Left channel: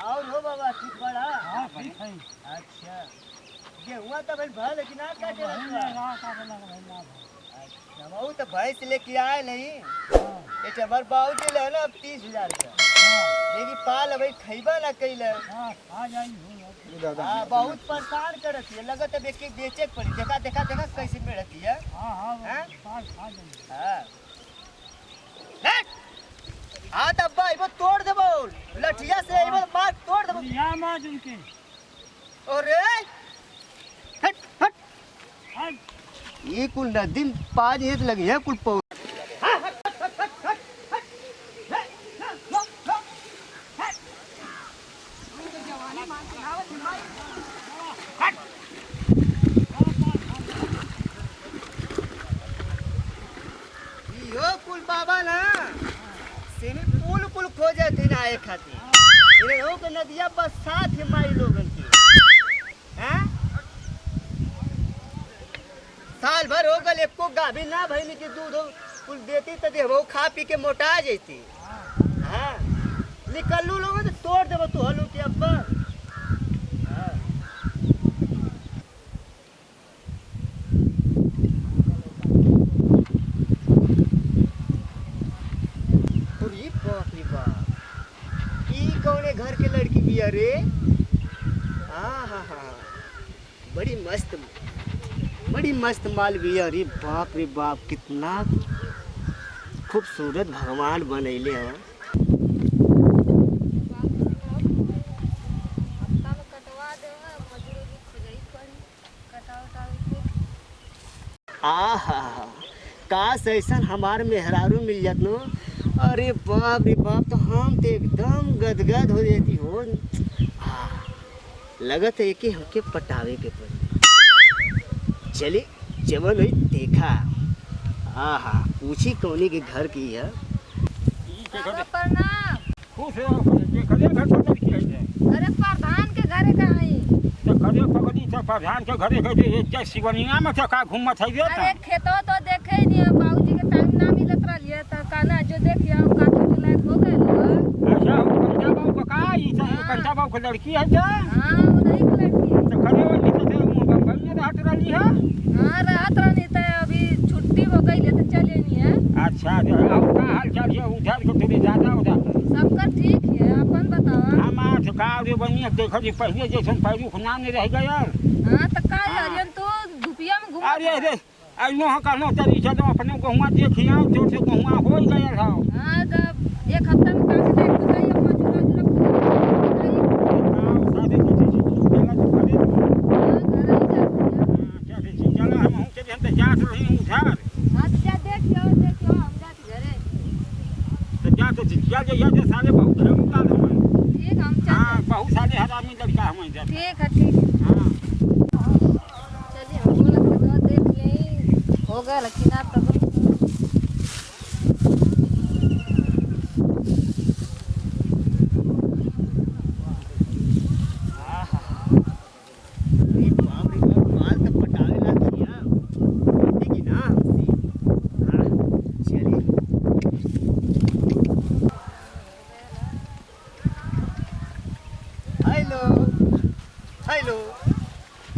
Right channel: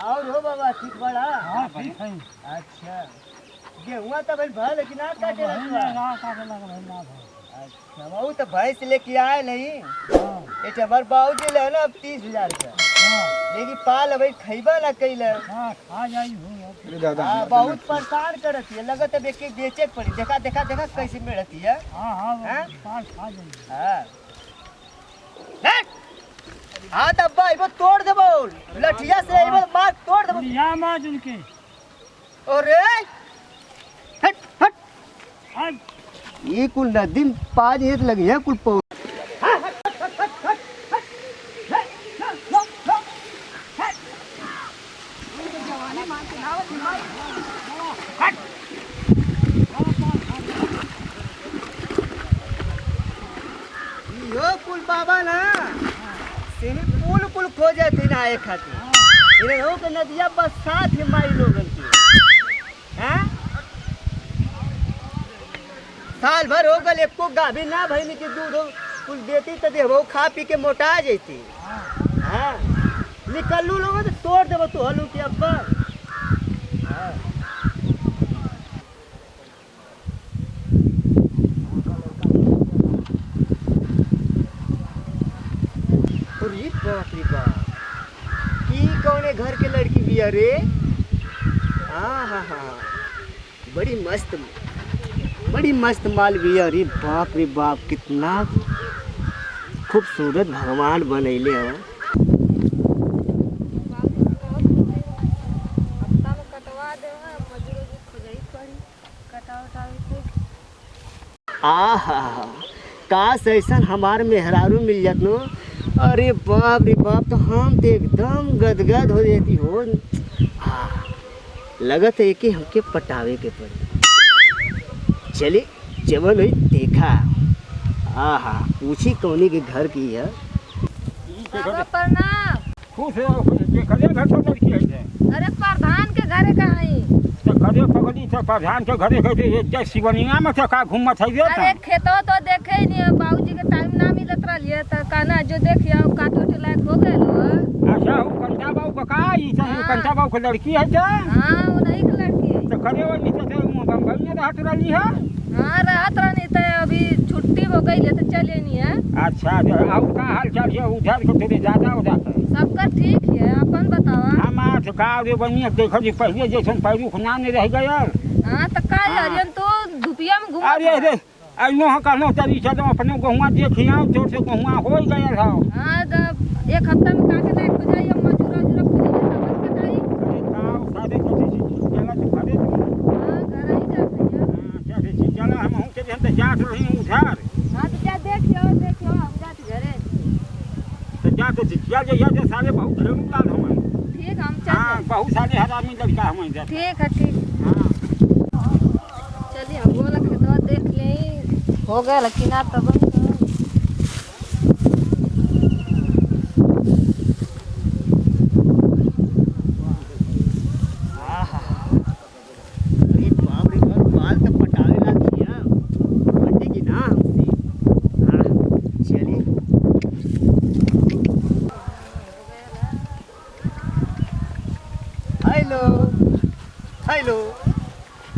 और हो बाबा ठीक बड़ा? हाँ ठीक है। अच्छा गेहुआ तो भाई भल कि ना काटे ना रखवा? काटे लगा भाई ना भाई। अच्छा बाबू तो भैंस लेके आए नहीं हाँ ये हमार बाबूजी ले ना अब 30,000 का हाँ लेकिन पाल भाई खैबा ना कैल। हाँ खा जाई हो। हाँ बहुत परेशान करती है लगत है बेचे के पड़ी। देखा देखा देखा कैसे मिलती है। हाँ हाँ हाँ? पाल खा जाई। हाँ हाँ तो अब्बा इबो तोड़ देबो लठिया से इबो मार तोड़ देबो। या मार उनके। अरे हट हट अब ये कुल नदी में पाँच एक लगी है कुल पौ। यो कुल बाबा ना सिमी पुल पुल खोजे थे ना एक खातिर इन्हें हो के नदिया बस साथ ही माई लोगन के। हैं साल भर हो गल एको गाभी ना भइनी के दूध हो कुल देती तो देबो खा पी के मोटा जैती। हाँ निकलू लोगों तो तोड़ देबो तू हलू के अब्बा। हाँ अरे बाप रे बाप ई कौने घर के लड़की बिया रे? हाँ हाँ हाँ बड़ी मस्त माल बिया। अरे बाप रे बाप कितना खूबसूरत भगवान बनैले हैं। आहा काश ऐसा हमार मेहरारू मिल जात नो। अरे बाप रे बाप तो हम तो एकदम गदगद हो जाती हो। लगत है कि हमके पटावे के पड़ी। चलिए जवन हुई देखा। आहा पूछी कौनी के घर की है। बाबा प्रणाम। खुश रहो के खदे घर तो लड़की है जे। अरे प्रधान के घरे कहाँ है? तो खदे पगड़ी से प्रधान के घरे के जे शिवनिया में का घूमत है अरे ये। खेतो तो देखे ही नहीं है बाबूजी के टाइम ना मिलत रहिए तो कहना जो देखिए काटे उटे लायक हो गए लो। अच्छा वो कंटा बाबू का का ई से कंटा बाबू के लड़की है जे। हाँ वो नहीं की लड़की है। तो खदे वो नीचे से बम्बई में रहत रही है। हाँ रहत रहनी तो अभी छुट्टी हो गई है तो चले नहीं है। अच्छा और का हाल चाल है उधर के थोड़े ज्यादा हो जाता है। सबका ठीक है अपन बतावा। हमार तो का रे बनिए देखो जी पहले जैसे पैरू खुना नहीं रह गया। हाँ तो का हरियन तो धुपिया में घूम। अरे अरे अइनो ह कहनो तरी चलो अपने गहुआ देखिया तो से गहुआ हो गया था। हाँ जब एक हफ्ता में काटे लायक हो जाइए मजूरा उजूरा खुद बताइए। काव सादे कथि चला तो भरे तू। हाँ घर ही जाते हैं। हां क्या से चला हम के हम तो जात रही उधर। हाँ तो जा देखियो हम जाते घरे। तो जा तो चल जा जे सारे बहुत खेलू लाल हम। ठीक हम हां चल। बहुत सारे हरामी लड़का हम जा। ठीक है ठीक। हां चलिए हम बोला खेतवा देख ले हो गया लेकिन आप तब अरे बाप रे बाप बाल तो पटावे लागी है हटी की ना हमसे। हाँ चलिए हेलो हेलो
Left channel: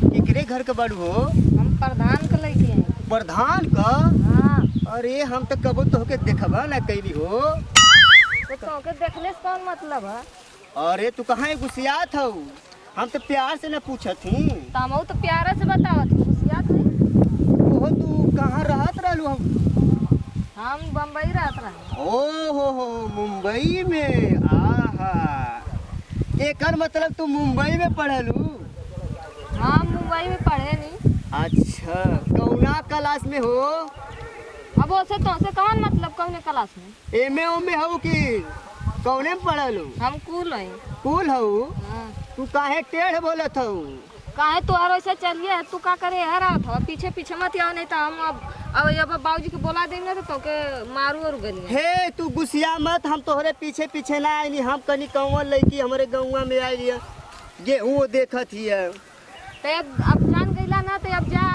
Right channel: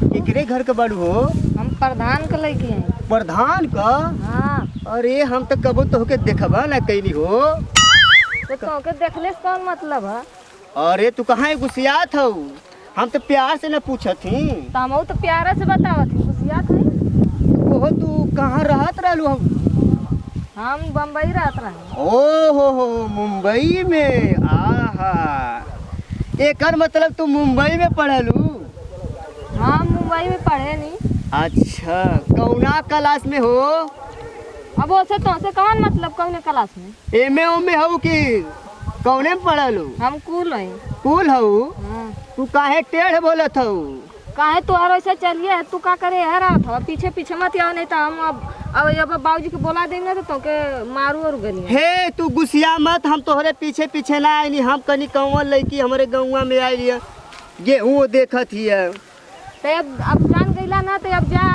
केकरे घर के बाड़ू हो? हम प्रधान के लेके हैं। प्रधान का? हाँ अरे हम तो कबो तो होके देखबा ना कैली हो। तो के देखले से कौन मतलब है? अरे तू कहाँ गुस्सियात हो? हम तो प्यार से न पूछत थी। तो हम तो प्यारा से बतावत थी गुस्सिया थी। ओहो तू कहाँ रहत रहलू? हम बम्बई रहत रहे। ओ हो मुंबई में। आहा एकर मतलब तू मुंबई में पढ़लू? हाँ मुंबई में पढ़े नहीं। अच्छा कौना क्लास में हो? अब वैसे तो से कौन मतलब कौन क्लास में? एमे ओमे हो कि कौने में पढ़लू? हम कुल है। कुल हो? हाँ तू काहे टेढ़ बोलत हो? काहे तू हर ऐसे चलिए तू का करे है रात हो पीछे पीछे मत आओ नहीं तो हम अब बाबूजी के बोला देंगे तो के मारू और गली। हे तू गुस्सिया मत। हम तोहरे पीछे पीछे ना आईनी। हम कनी कौन लड़की हमारे गौवा में आई है गेहूँ देखत हिय। तो अब जान गईला ना तो अब जा।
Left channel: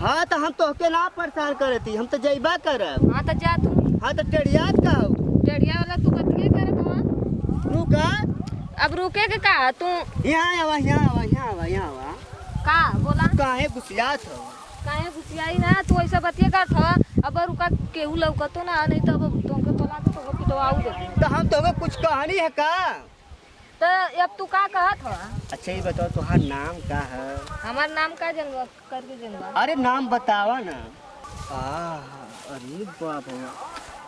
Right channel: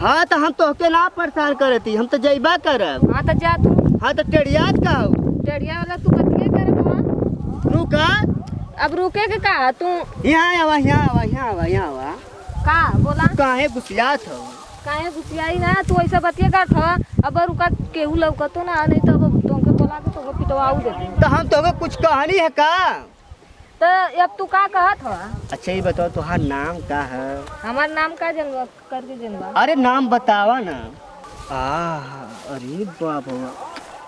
हाँ तो हम तोहके ना परेशान करती। हम तो जइबा करब। हाँ तो जा तू। हाँ तो टेढ़ियात का हो? टेढ़िया वाला तू बतिए करत हवा। रुका अब रुके के का तू यहाँ आवा यहाँ आवा यहाँ आवा यहाँ आवा का बोला काहे गुस्सियात हो काहे गुस्सियाई ना तू ऐसा बतिया करत हवा अब रुका केहू लौकतो ना नहीं तो अब तुमके बोला के तुमके पिटवाऊ देती तो हम तो कुछ कहानी है का तो अब तू का कहत हवा अच्छा ये बताओ तुम्हारा नाम का है हमार नाम का जनवा करके जनवा अरे नाम बतावा ना अरे बाप रे।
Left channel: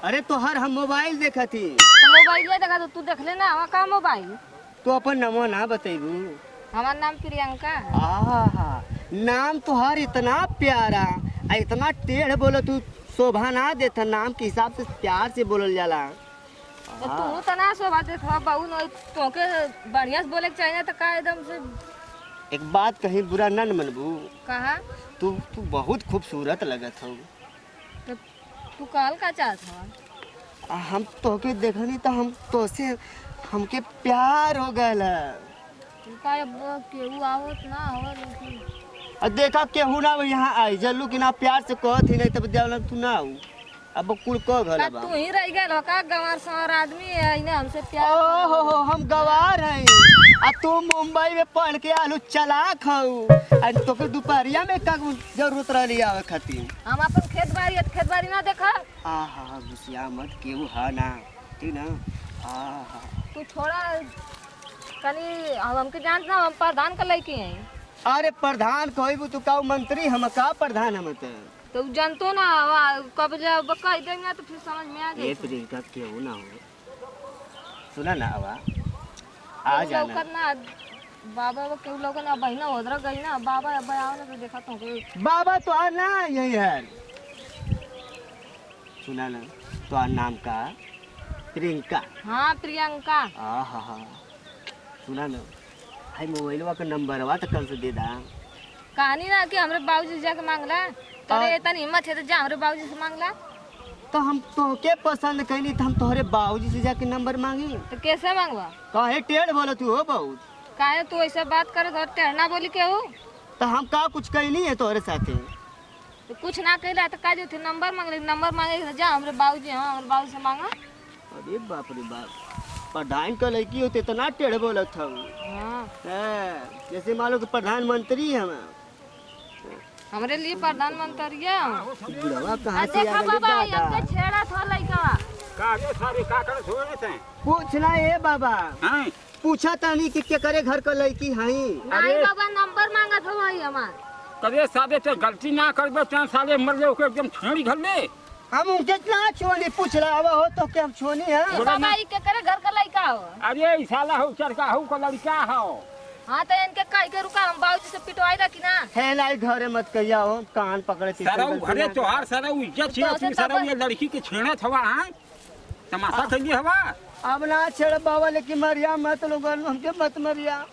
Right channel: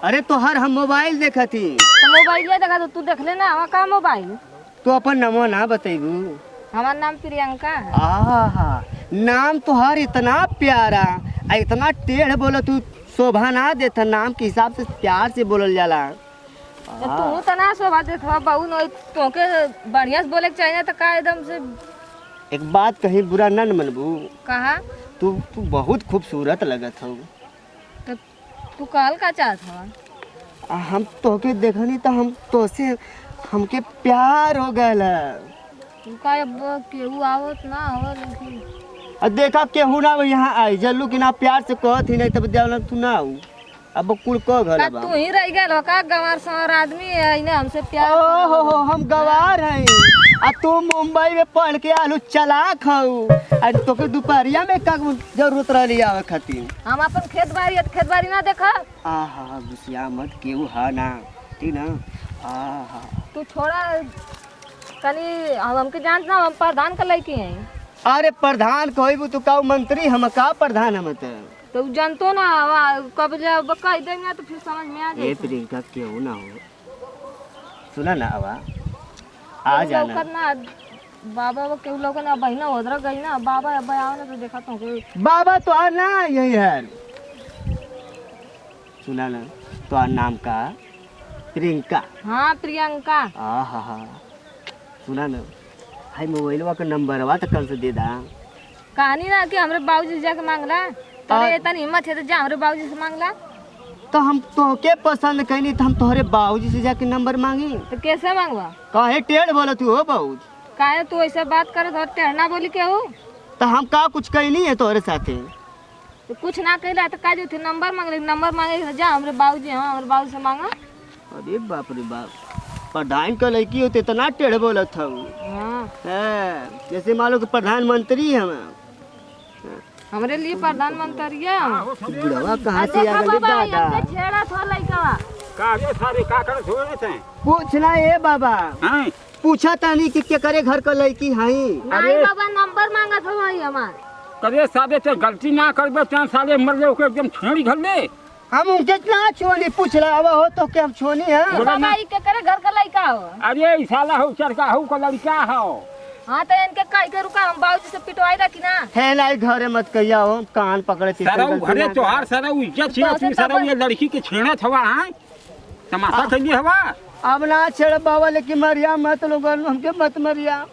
अरे तो हर हम मोबाइल देखा थी तो मोबाइल देखा तो तू देख लेना हवा का मोबाइल तो अपन नमो ना बतेबू हमार नाम प्रियंका है आहा नाम तुहार इतना प्यारा आ इतना टेढ़ बोला तू शोभा ना देता नाम के हिसाब से प्यार से बोलल जाला तो तू तना शोभा देत हवा बहु न तोके बढ़िया से बोले के चाहिए तो का एकदम से एक बात कहीं बुरा न मनबू कहा तू बहुत खूबसूरत लगत हो तो तू कहल का चाहत हवा हम तोके देखनी तो हम तोसे हमके प्यार हो गल तू का अब केहू आवत ना हवा लेकिन देखा केहू ना यहाँ आई जल्लू कि ना प्यार से कहत ही नहीं तब देवला तू ना आऊ अब कुल को घर का तू ही रह गए हो का गंवार सवार आदमी है इन्हें हमसे प्यार ओहो हम गवार हैं आ तू मुंबई में पढ़ के आलू चलाक हऊ आ तोके दोपहरिया में का जरूरत रहली आवे खातिर हम अपन खेत बाड़ी ना देखा आहा गुस्सिया मत केहू हा ना ठीक ना आहा तू थोड़ा कनी हमके जानत ना हम प्रधान का लड़की हैं अरे प्रधान कहबू तू का मंत्री हम का प्रधान हम तो जानतो ना कब जब कह देंगे तो फिर समझ में आ ए जाए प्रियंका केहू ना हो सुना ना आवा आ जाना ना बाबा वो केहू लोग ना बहिना उधर गई ना बाबा अब आओ ना तो देखा तो बाबा तो आ ना यही है सुना ना तो नाम का प्रियंका हाँ प्रियंका आहा सुना ना हाय मोबाइलवा का नंबरवा तो कल से दे दा कहानी ना कि हमरे बाबूजी से जाके मांगला तोरे इतनी हिम्मत है तो जा हमरे बाबूजी से मांगला तो हम तोके पसंद कैनी तो हम तोहरे बाबूजी से जाके नंबर मांगी तो कैसे मांगवा काहे टेढ़ बोला तू हो बाबू काहे तू ऐसा बात करे तो टेढ़ना बोली के हो तो हम का कुछ कैनी है तोहरे साथे तो कुछ ना कहला तो का जो थे नंबर मांगे जा हमरे बाबूजी हाँ हमरे बाबू से मांगा अरे बाप रे बाप प्रधान का लड़की होते इतना टेढ़ बोलत था हाँ जैसे मान लो कि प्रधानमंत्री हम हमरे लिए प्रधानमंत्री है बुढ़वा कहाँ से आ गए दादा छेड़ा था लड़का का रे सारे का करत होए थे पूछना ए बाबा हैं पूछा तानी कि के करे घर का लड़की हई नहीं बाबा नंबर मांगा था भाई हमार करे सादे ते गलती ना करबे चां साले मर ले ओके एकदम छेड़ी घर ले हम उनके ना छोनी पूछ रहा हो तो क्या हम छोनी है बाबा ई के करे घर का लड़का हो अरे ई साला हो चरका हो का लड़का हो हाँ तो इनके कह के रुका हम बाबूजी से पिटवाई दा कि ना है ना घरे मत कहिया हो कान पकड़े सारा घरे तोहार सारा इज्जत छे तू सारा ये लड़की के छेड़त हवा हां तमाशा कइली हवा अब ना छेड़ बाबा लेकिन मरिया मत लोग हमके मत मरिया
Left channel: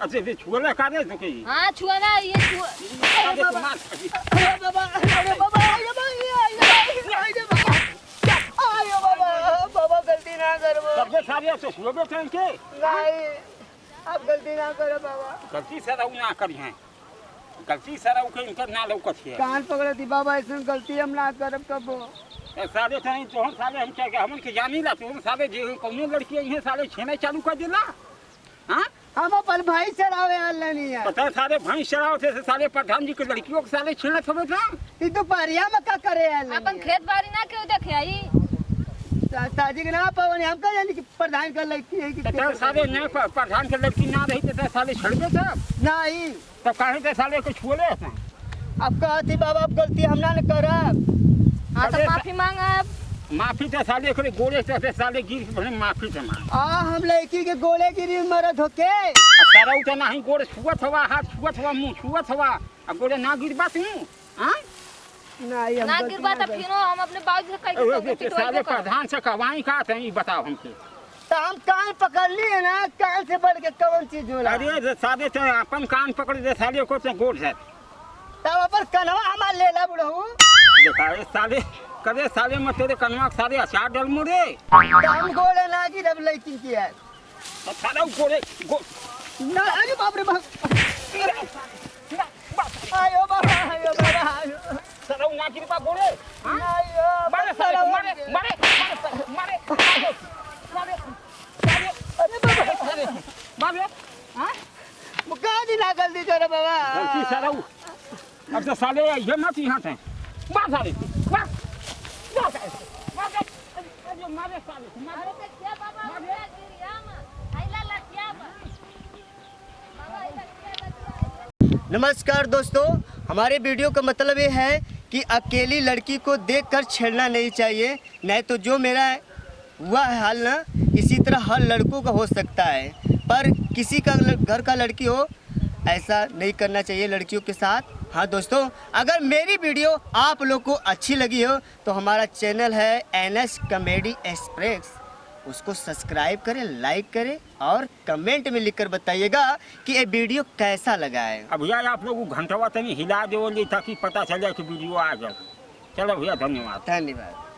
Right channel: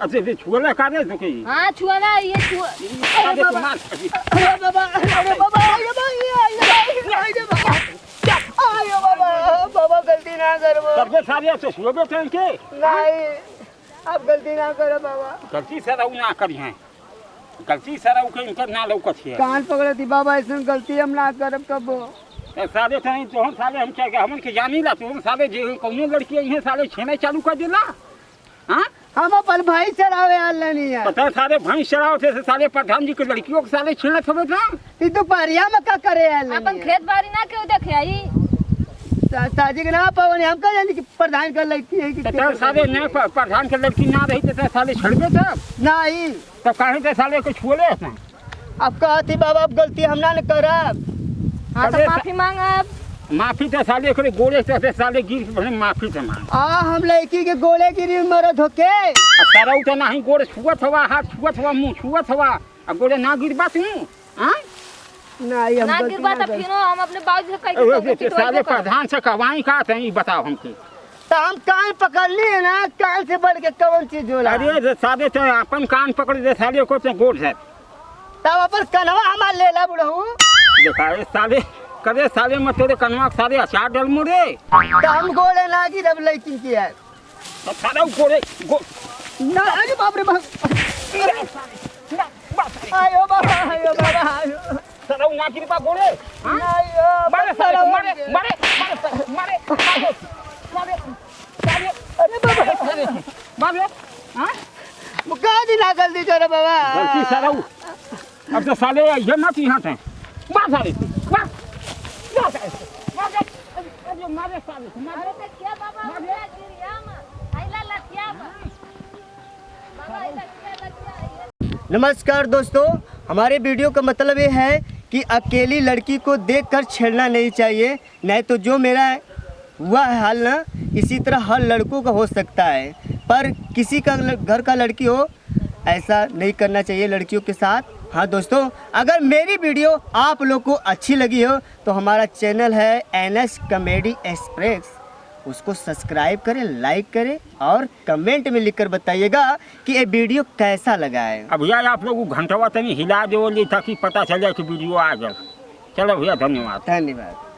अच्छा ये छुआ का दे तो के हाँ छुआ ना ये छुआ अरे बाबा अरे बाबा अरे बाबा आयो बाबा बाबा गलती ना करो सबके सारे से छुआ थे के नहीं अब गलती ना करो बाबा गलती सारा ना करी हैं गलती सारा के इनकर ना लौकत है कान पकड़े थी बाबा ऐसा गलती हम ना करब कबो साले थे तो हम साले हम चाहे हमन के जानी ला तो साले जे कौनो लड़की है साले छेने चालू कर देला हां हम अपन भाई चरावे आल नहीं है पता सारे भैंस चराव थे साले प्रधान जी के लड़कियों के साले छेड़े थवे था ई तो परिया में का करे आल अपन खेत बाड़ी ना क्यों देखे आई ताजी के ना पावनी हम का जानी कि प्रधान का लड़की है कि तो साले ने प्रधान के लड़की ना रही तो साले छड़बे सब नहीं तब काहे ते साले को छुले हैं अब कहती बाबा अब गलती हम ना करब हाँ तो माफी मांगा माफी तो साले करे गोले से साले गिर के भले माफी से मांग हम लड़की के गोले गिरी मरद होके सारा उठे ना ही गोले छुअत हवा हाथ छुअत हवा मुंह छुअत हवा अब गोले ना गिरबा तू हां नहीं हम ना गलती गिरबा ना तो करब। फिर हम अपने बाबूजी से कह साले प्रधान से कवाई का थे बताओ हमके तो हम कान पकड़ लिए ना कान से बढ़ के कौन चीज होला अरे साले तो अपन कान पकड़ दे साले को ते गोड़ से तब अपन कनवा हमार लेला बुढ़ऊ देखा ए साले करे साले में तेरे कनवा के साले अचार डल मुरे तो हम गोले ना गिरब लड़की की है तो साला गोले ना अरे बाप रे बाप आयो बाबा आयो बाबा आयो साला ना गिरबा गोले हां आयो मारे साले को मारे मारे मारे मारे साले साले अरे बाबा हाँ? का दिला गलती करे बाबा गलती सारा अब तो साले ये मत यहाँ से मार साले मार मार साले मार मारे साले मार अरे ते क्या बाबा उठा गिरिया में आइला लटिया में बाबा आइला क्या लटिया नमस्कार दोस्तों, हमारे वीडियो का मतलब ये है कि अकेली लड़की को देखकर छेड़ना नहीं चाहिए, नहीं तो जो मेरा हुआ है हाल ना, इसी तरह हर लड़कों का हो सकता है। पर किसी का घर का लड़की हो ऐसा नहीं करना चाहिए लड़कियों के साथ। हाँ दोस्तों, अगर मेरी वीडियो आप लोग को अच्छी लगी हो तो हमारा चैनल है NS कॉमेडी एक्सप्रेस, उसको सब्सक्राइब करें, लाइक करें और कमेंट में लिखकर बताइएगा कि ये वीडियो कैसा लगा है। अब यार आप लोग घंटवा तनी हिला दो ताकि पता चल जाए कि वीडियो आ जाए। चलो भैया धन्यवाद। धन्यवाद।